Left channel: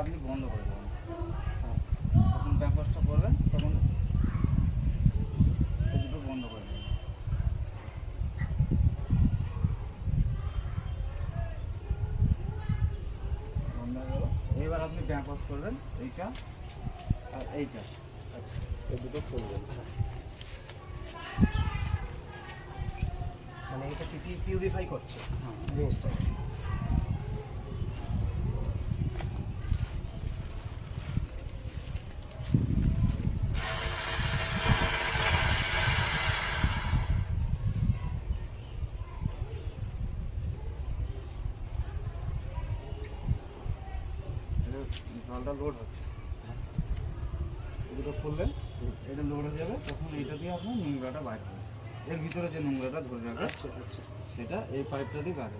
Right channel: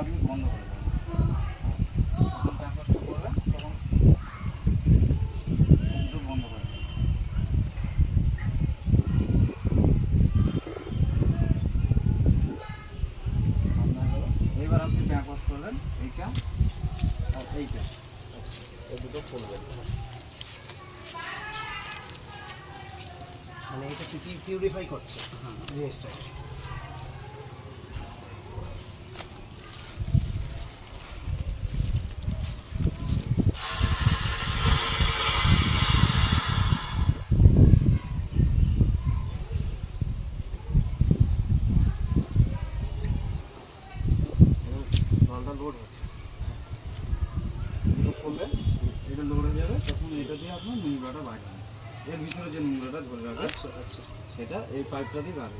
আপনি বন্ধ করে দেবেন। যখন ট্যাঙ্ক ওয়াশটা করবেন তখন দুটো বন্ধ করে দেবেন। এবার আপনি ট্যাঙ্ক ওয়াশ করবেন এইটা আর এইটা, এই দুটো খুলবেন। মানে এটা কি পিউরিফাই করছে জিনিসটা। জলটা লোড হচ্ছে, দুটো খুলবেন, এটা লোড হয়ে যাবে, তখন এটা দিয়ে আপনার নোংরাটা বাইরে হবে। এর ভিতরে যে নোংরাটা ধরে রাখবে আচ্ছা আচ্ছা, সেটা এই পাইপটা দিয়ে বাইরে